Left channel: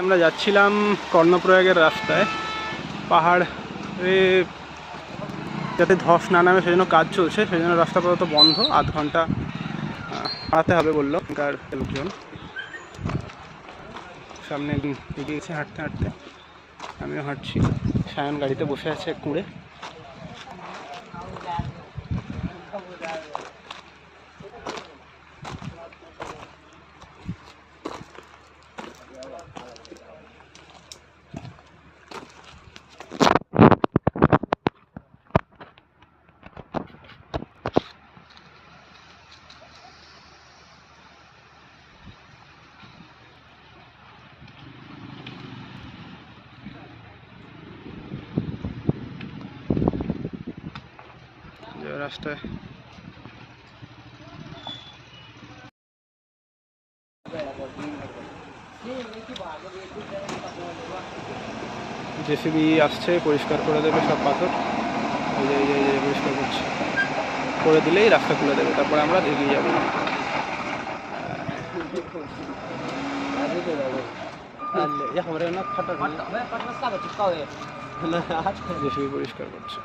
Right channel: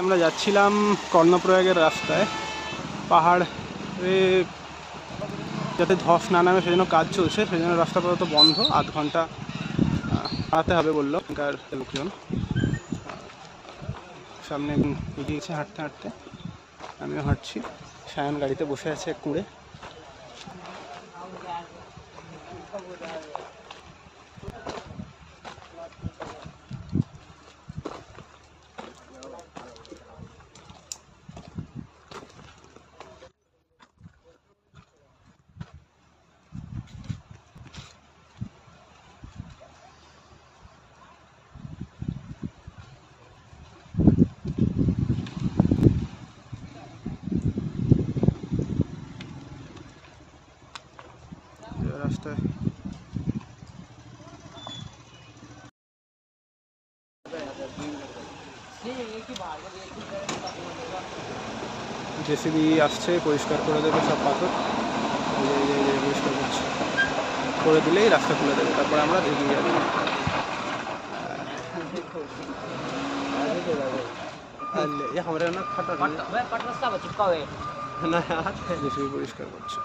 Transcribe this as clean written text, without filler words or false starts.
আমরা যাচ্ছিলাম কর্ণপ্রয়াগের রাস্তায়। পাহাড়ে যাতে ধস না নামে সেজন্য কাজ চলছে, সেই জন্য রাস্তা আপাতত বন্ধ। আধ ঘন্টা হাঁটাতে হবে বললো এখানকার লোকজন। সামনে এগিয়ে গেছে হাঁটতে হাঁটতে, আমিও হাঁটছি। সায়ন গাড়িতে বসে আছে কুঁড়ে। রাস্তায় জেসিবি আসছে, পরিষ্কার করে দেবে সব পাথর। এই পরিষ্কার করছে, করে দিলেই রাস্তা খুলে দেবে, তারপরে আমরা এগিয়ে যাবো। জেসিবি পরিষ্কার করছে।